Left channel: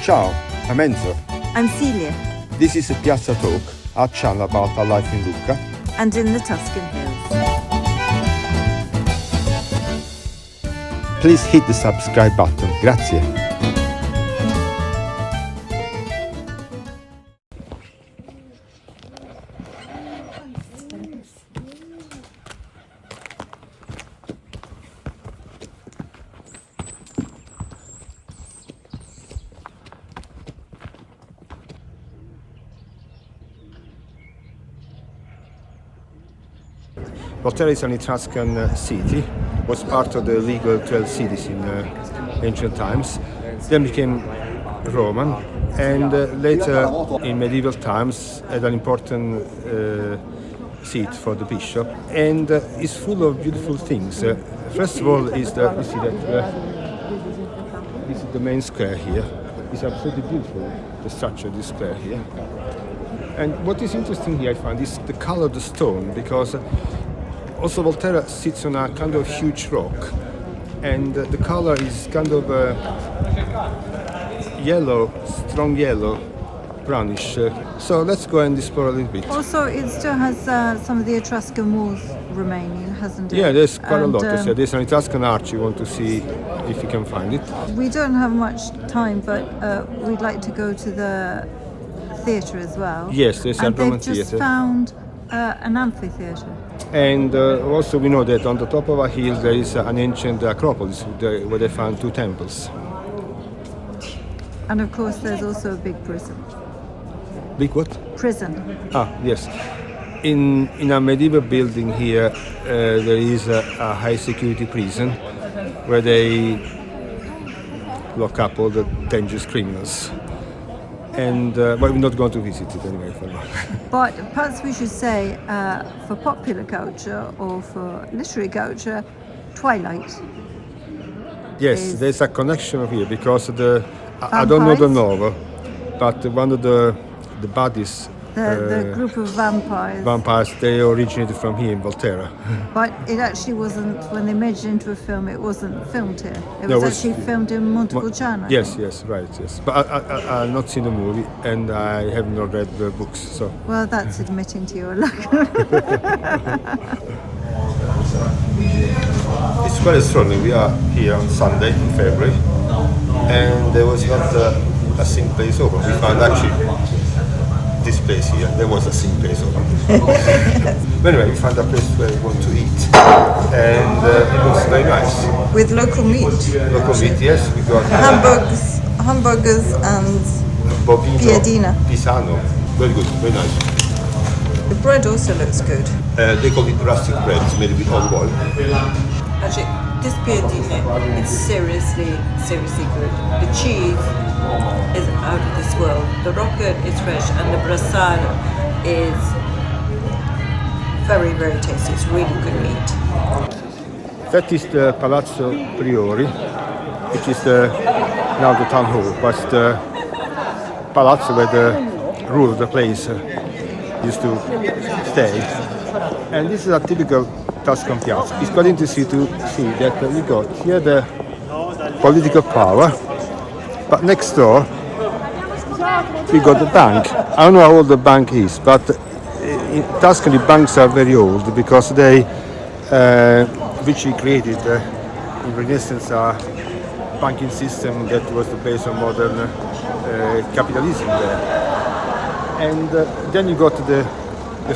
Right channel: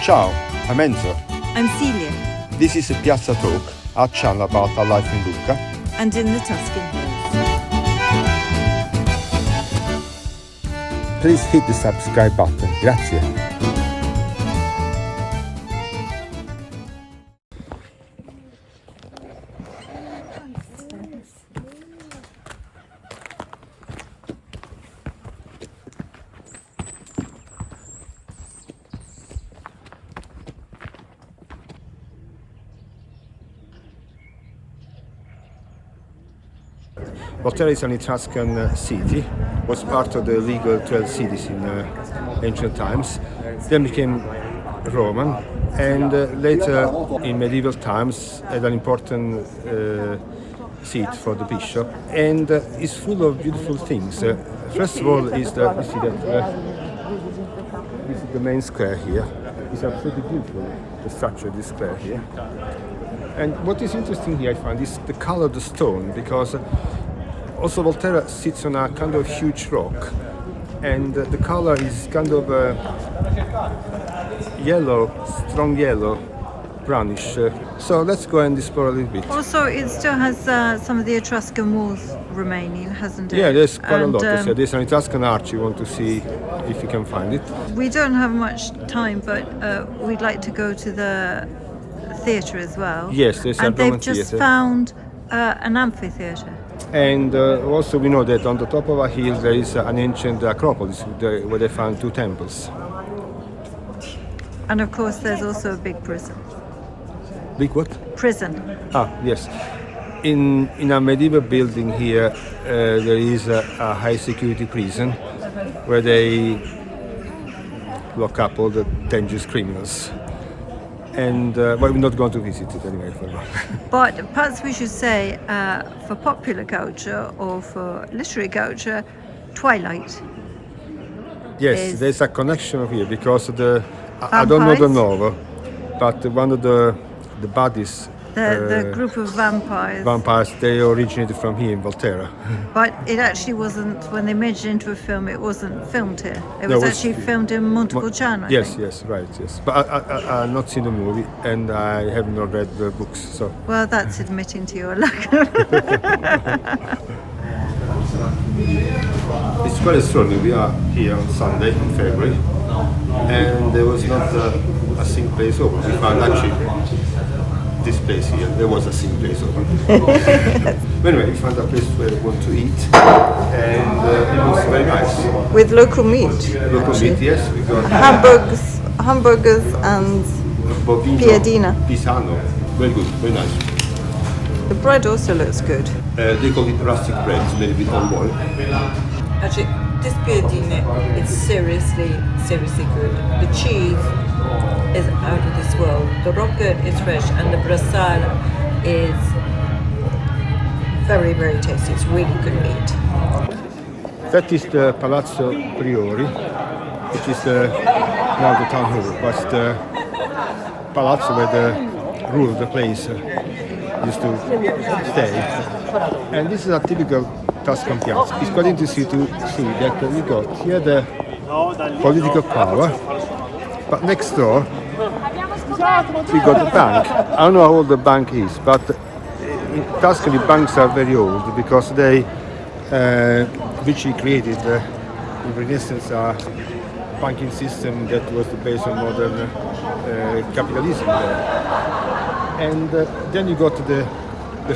Ciao, I'm Enzo. I'm Celia. This is a Piazza Talk, our channel about our life in Lucca And in the Tuscan Hills. Please hit the subscribe button. Grazie. Volterra is an Etruscan city, was part of the legal 12 cities in ancient times, then became Roman, and later in medieval times had an important seat for the bishop, and is full of beautiful things. First of all is you see that this is the main square here. It's absolutely beautiful, the structure of this square here. And what is interesting here I find is the color of the stone, because also Volterra sits on a kind of huge rock, and the color is kind of yellow, strong yellow, brownish. So let's go and explore a little bit. Also, it still has some of the Etruscan walls remaining, hasn't it? Yeah, there's quite a lot. There's an Etruscan arch you want to see if you can find it. We don't have much time, but we'd like to go to the theatre as well. Yes, there's a Roman theatre. And they've just found an amphitheatre. And also we know that on the top of a hill there is an ancient Acropolis where they found two temples. And of course there's also a big prison. Big what? Prison. Ah, yes. In a medieval building here there is a high security prison where they lock up all the dangerous criminals. And but we're not going to visit it anyway for now. But perhaps we should say, for popular culture or for literary culture, Twilight. Yes, there's a connection here because I don't know the novel, but one of the bodies. The group of vampires. Vampires, they originated from here in Volterra. But it actually wasn't, when they made it into a film, it wasn't filmed here. It No, was actually filmed in Montepulciano. Yes, right, yes. But I've not seen the movie and I have not read the books, so. Well, that's admitting to your luck. It's quite extraordinary. We are here on Sunday in February and there was not a single place open. We found actually this place here, there was a single place open. But anyway, we found a place where we want to eat and it looks very nice. With local meat. Local meat, yes. We got hamburgers and bovino, piadina. pisano. Very good, very nice. The bread also looks good. They call it rustic bread. It's made with olive oil. Actually, this piadina is seriously good. The cheese is out of this world. The rocket is fresh and the brassale is very, very tasty. It's really good meat. That is the Palazzo Priori. It is now the town hall, but the palazzo where the ruler of the place used to stay. And this is a typical Tuscan piazza. It's quite interesting to see that you got here the political power, but next door we got the bank. I don't know how old the bank is, but in Tuscany banks are very old because they which he created in Renaissance a banking system that was based on modern capitalism there. And then you got the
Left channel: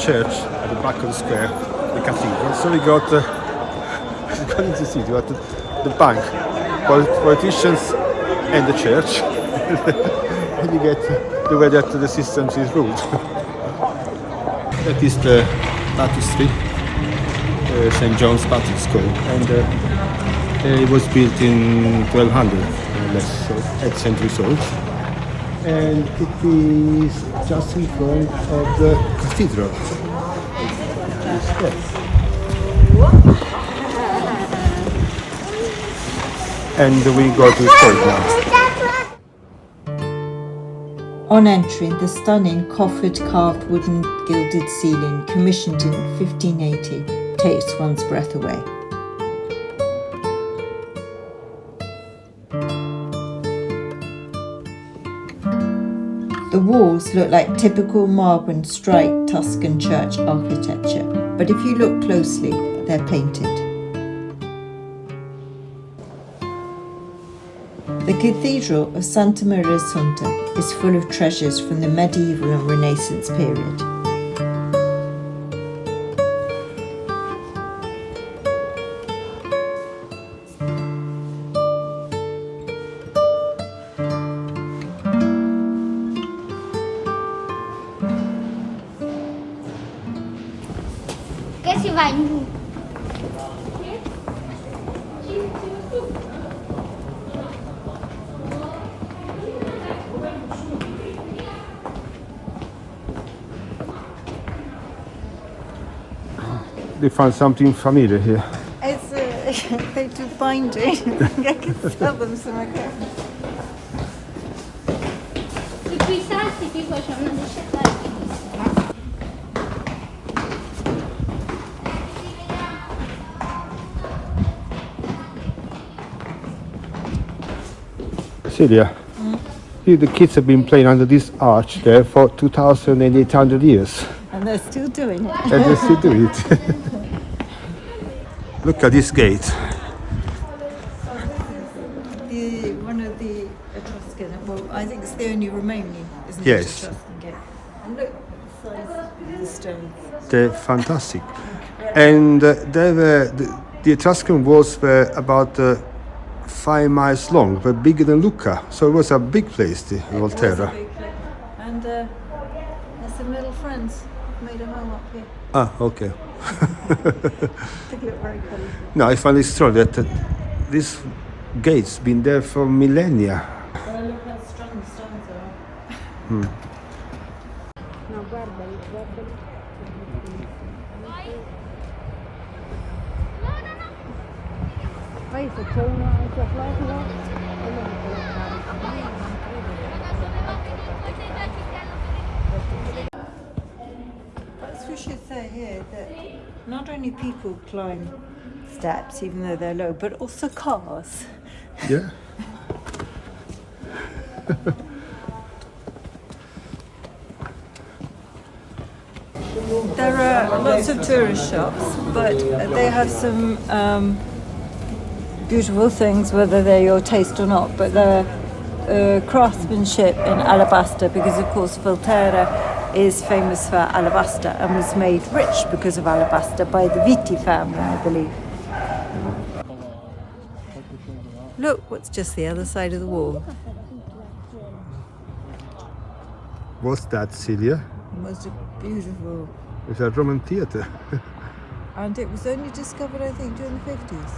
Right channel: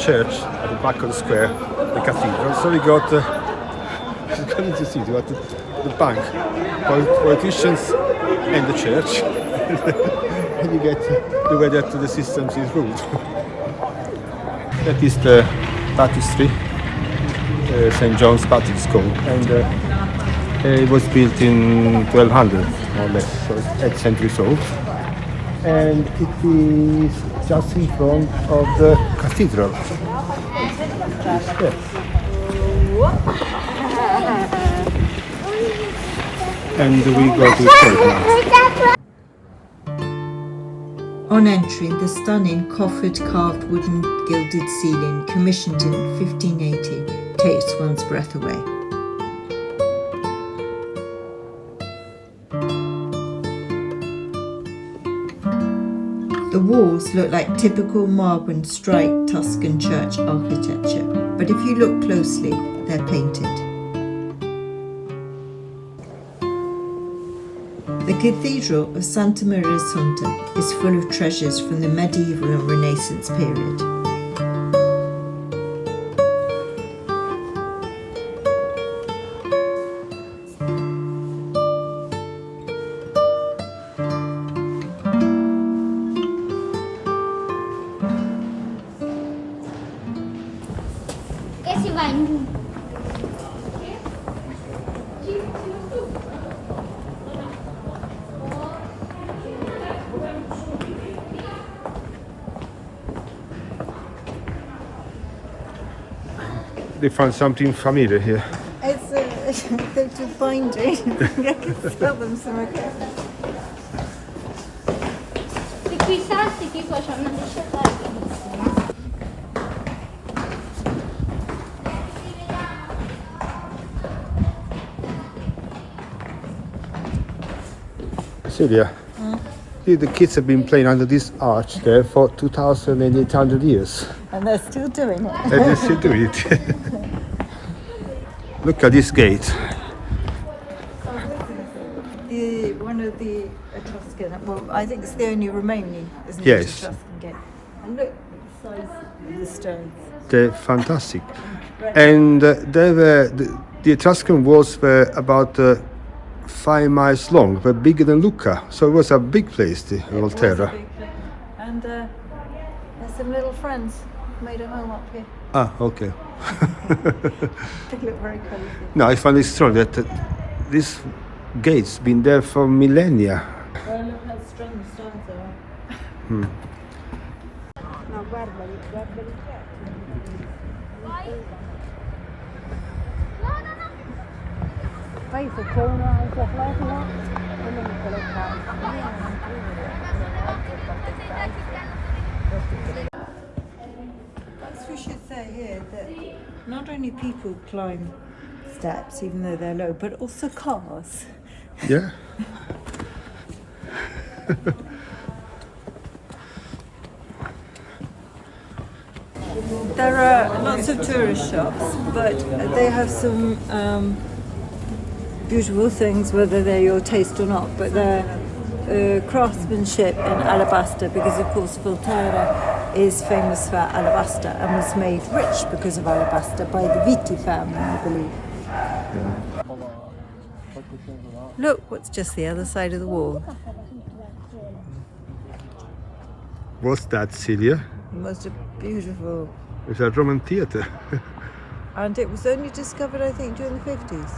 church at the back of the square, the cathedral. So we got according to the city, you got the bank, politicians and the church. And you get the way that the system is ruled. That is the baptistry, St. John's Baptist School, and it was built in 1200, more or less, so 8 centuries old. And it is just in front of the cathedral. Yes. And we go to explore it now. On entry, the stunning coffered carved wooden gilded ceiling, commissioned in 1580, takes one's breath away. The walls look like typical marble and striped Tuscan church architecture, but if you look closely, they're painted. The Cathedral of Santa Maria Assunta is full of treasures from the medieval and Renaissance period. Che si va in giù. We found something familiar here. It's they do binding. I can sell them some okay. Se qui sassi tipo c'è una discesa. Celia, the kids have been playing under this arch there for 2,800 years. And they're still doing it. And they still do it. Look at this gate. One of the Etruscan, well, I think it's the only remaining, isn't it? Yes. Etruscan gate. And look at the size of the stones. They're fantastic. And they were, the Etruscan walls were about 5 miles long, were bigger than Lucca. So it was a big place, the Volterra. And there's some little friends made a home up here. Ah, okay. They look very cool. No, I find it strong that this gate's been there for millennia. Well, look how strong the stones are. Poi se c'è uno anche a Florida, quello mi collocava. Perhaps we should say here that not only people climb steps, even though they're low, but also cars. Yeah. There are lots of tourist shops, but they have some beautiful things, whether they're your taste or not. But they're craftsmanship in alabaster, because of course Volterra is famous for alabaster and was made rich because of alabaster by the Viti family, I believe. Look, what's just the other side of the wall? What's that, Celia? Most beautiful. It's a Roman theatre. And it was only discovered, I think, during the 50s.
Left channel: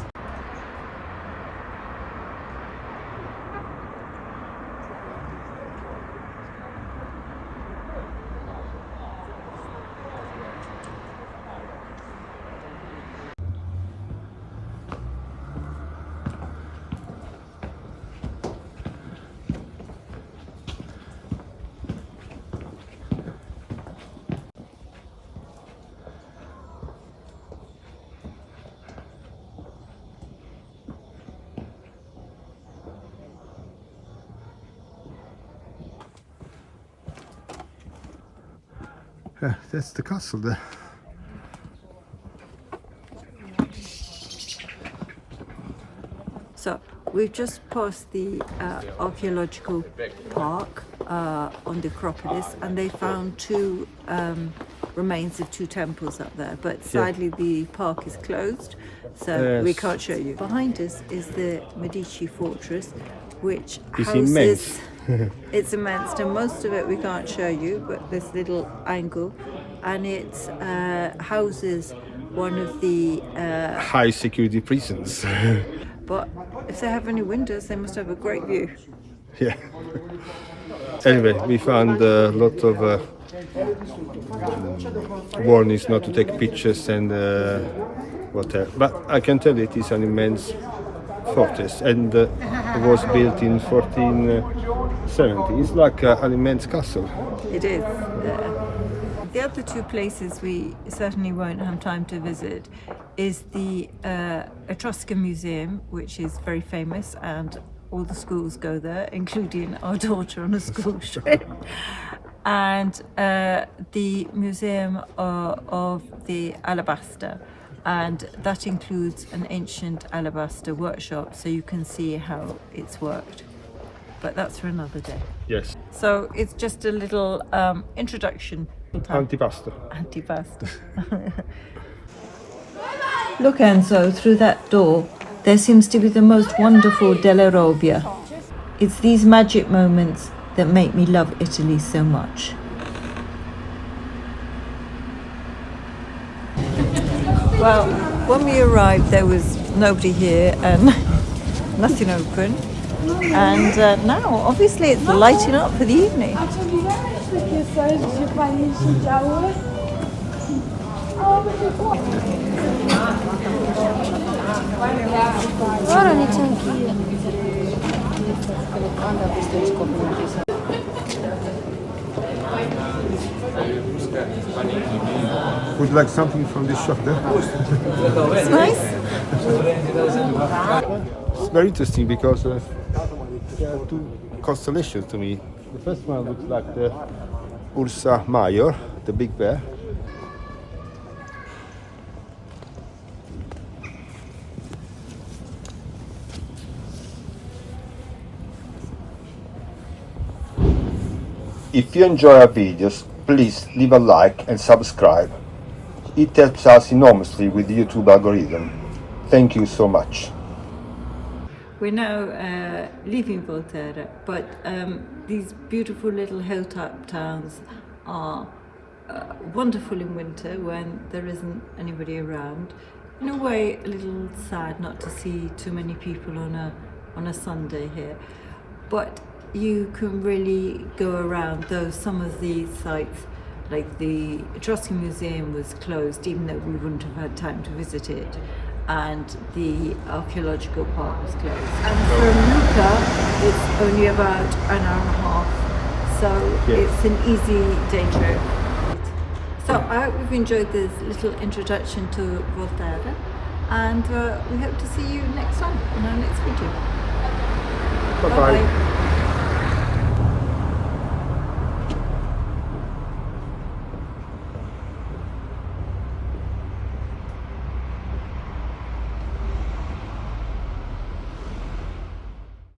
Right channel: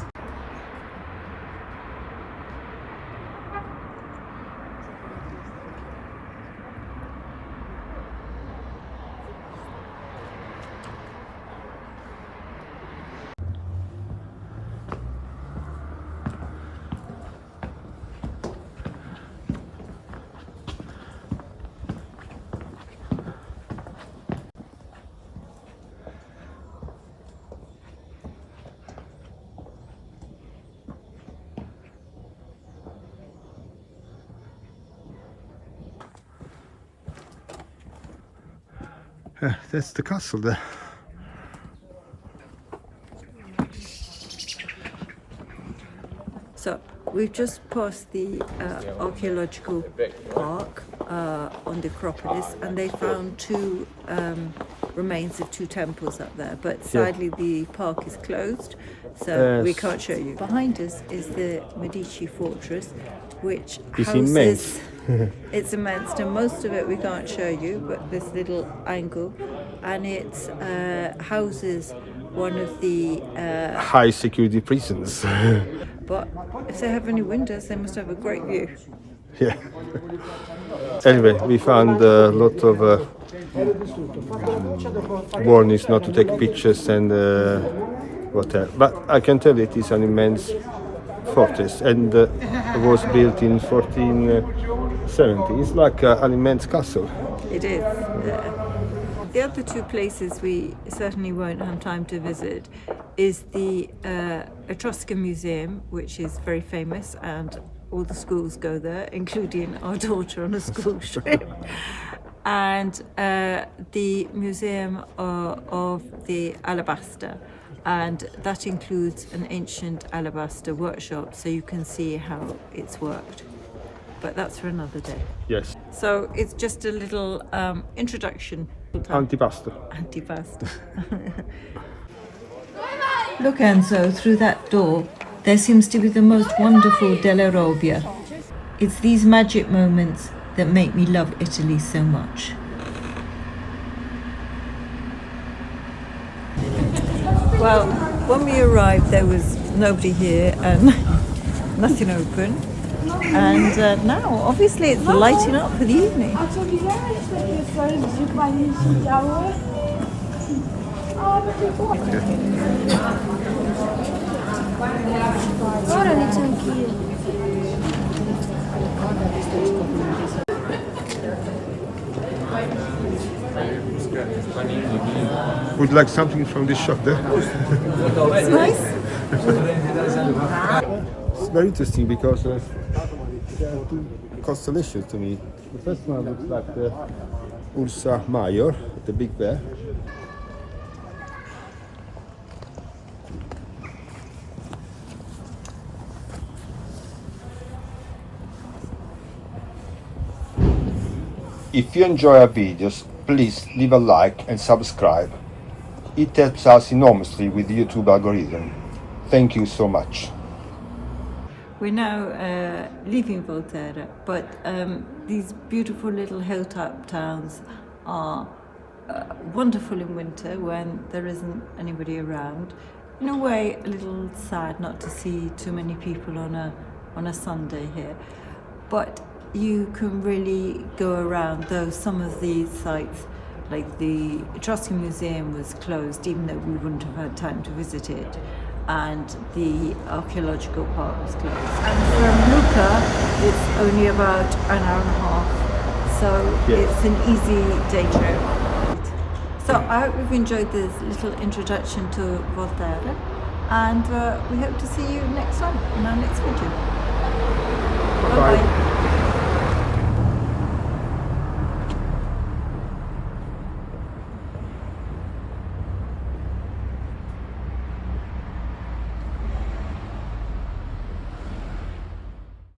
Yeah, that's the castle there. So we've just passed the archaeological park on the Acropolis, and they found two remains of two temples up there, but sadly the park is closed, so we can't show you. Behind us is the Medici fortress, which It's houses immense. it's immense, and most of it we can't show you, but this little angle, and it houses one of the High security prisons. but if they have any windows, they must have a great view. Yeah. Anyway, we found a lot of warnings not to take pictures and whatever. But I can tell it is an immense fortress, and was built in 1470. It's like an immense castle. It is. The other two places we certainly won't have time to visit is the Etruscan Museum, which is very famous and all the schools go there, including our daughter on a school trip. And the Museum of the Alabaster, and that includes an ancient alabaster workshop, so you can see how it's worked. But that's for another day. Yes. So it's just a little introduction. Antipasto. Antipasto. Look, Enzo, through that door, there seems to be the most wonderful della Robbia. It's these magic moments that make me love Italy so much. Well, when we arrived, there was nobody here and nothing open. And now, obviously, it's lighting up for the evening. Would you like something from this shop there? It's nice. It's very interesting because there are two constellations to me. The first one looks like the Ursa Major, the big bear. If you enjoy our videos, please leave a like and subscribe. It helps us enormously with the YouTube algorithm. Thank you so much. We're now leaving Volterra, but these beautiful little hilltop towns are wonderful in winter when there isn't anybody around. In a way, a little sad not to see too many people on a Sunday here, but you can really go around, though some of these sites, like the Etruscan Museum, was closed, even though we wouldn't have had time to visit it, and the archaeological park was closed. And from Lucca, it's only about an hour and a half, so it's an easy day trip. So I hope you've enjoyed this little introduction to Volterra, and we hope to see you next time in our next video. Bye-bye.